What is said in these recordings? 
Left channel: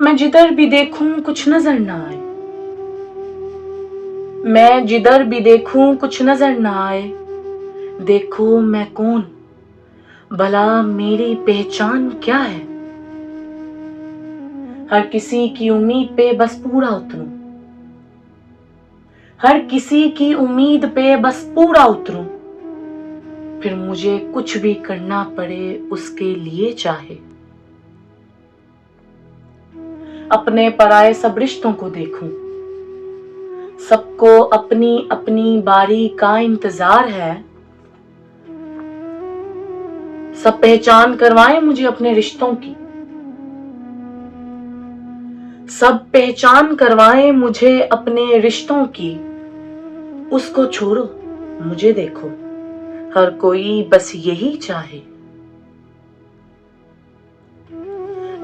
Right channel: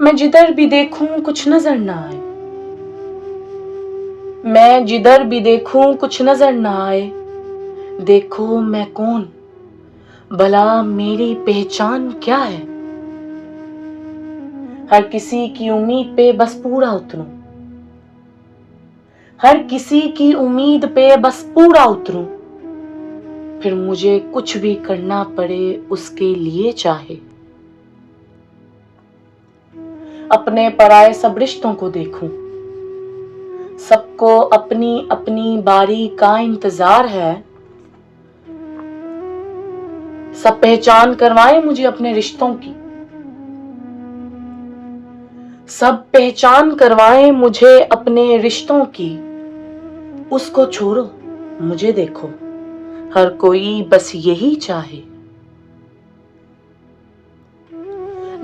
मैं जिधर भी देखूं कुछ नजर ना आए, मैं जिधर भी देखूं कुछ नजर ना आए। देखो मैं कौन, भला मेरी पहचान क्या है। हर किसी की उम्मीद पे बस पूरा उतरूं, हर किसी की उम्मीद पे बस पूरा उतरूं। फिर मुझे कुछ भी करना पड़े उसके लिए चाहे। अपने पराए सब रिश्तों को देखूं, सबको अपनी अपनी बारी का इंतजार है। सब पहचान करवाए मुझे अपने रिश्तों की, सब पहचान करवाए मुझे अपने रिश्तों की। उसको छोड़ो मुझे देखो, हर कोई बस यही चाहे।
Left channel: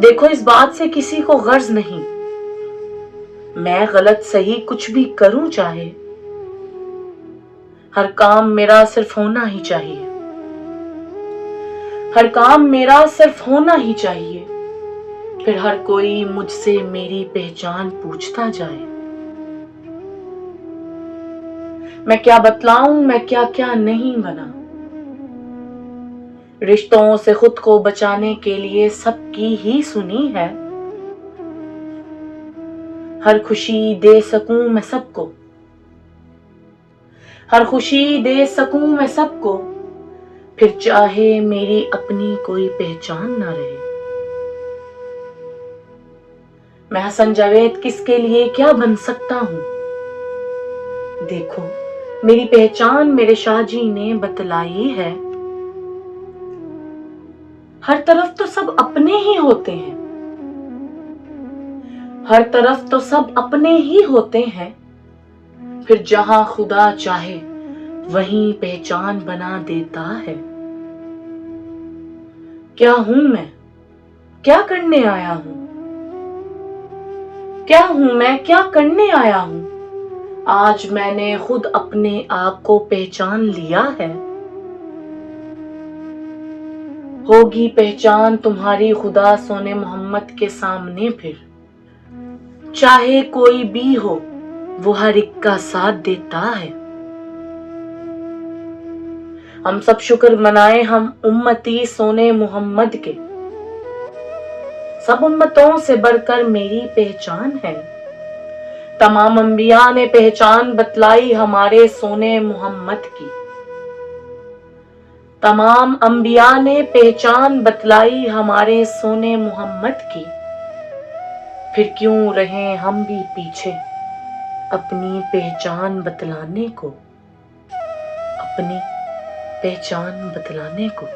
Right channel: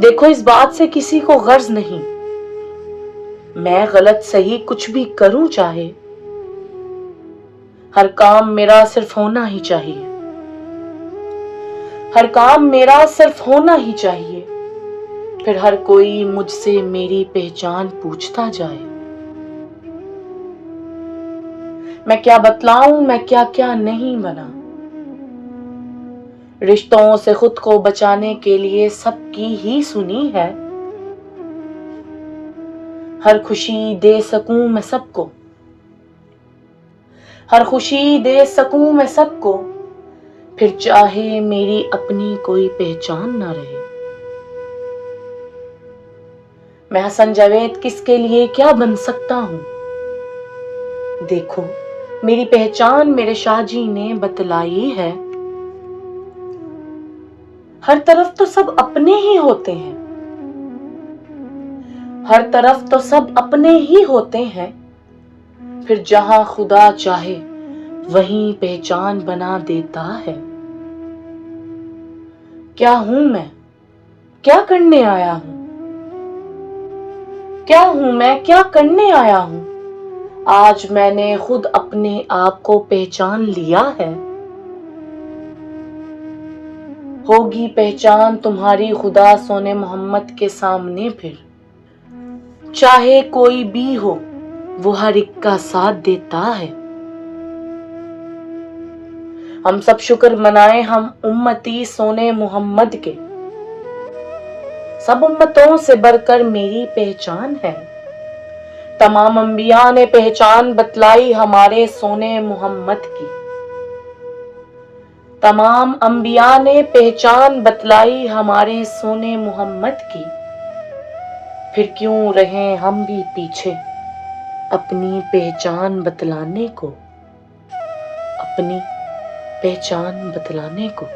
देखो इस बात से किसी को गर्ज नहीं, मैं गलत सही कुछ भी करूं चाहे। हर काम मेरा सिर्फ होना ही चाहिए, हर काम मेरा सिर्फ होना ही चाहिए। फिर हर कोई मुझसे मेरी पहचान पूछता जाए। मैं क्या बतलाऊं मैं क्या क्या नहीं बना। रिश्तों से खुद को बचाने के लिए सबकी ही सुनी है। हर खुशी दे सकूं मैं सबको, हर खुशी दे सकूं मैं सबको। फिर चाहे मेरी अपनी कोई पहचान ना रहे। मैं हसन जावेद किसके लिए क्या बन सकता हूं। देखो मेरी पहचान मेरे शाहजी ने बतलाई है। हर तरफ तो सब अपने ही होते हैं, हर तरफ तो सब अपने ही होते हैं। फिर जहां खुदा चाहे वहीं पहचान बना देता है। क्या हूं मैं, क्या करने आया हूं, क्या हूं मैं क्या करने आया हूं। आज मैंने खुद अपने आप को पहचान लिया है। होगी पहचान तुम्हारी खुदा सोने मोहम्मद के सामने। फिर चाहे कोई भी हो वो हर एक का साथ देता है। हम सब शुक्र मनाए हम उम्मती सोने मोहम्मद के, सब उम्मतों से बढ़कर मेरी पहचान है। तमाम अंबिया ने पहचान बतलाई हमारे सोने मोहम्मद की, तमाम अंबिया ने पहचान बतलाई हमारे सोने मोहम्मद की। फिर क्यों रहे हम भी पीछे अपनी पहचान बतलाने को, अपनी पहचान बतलाने को।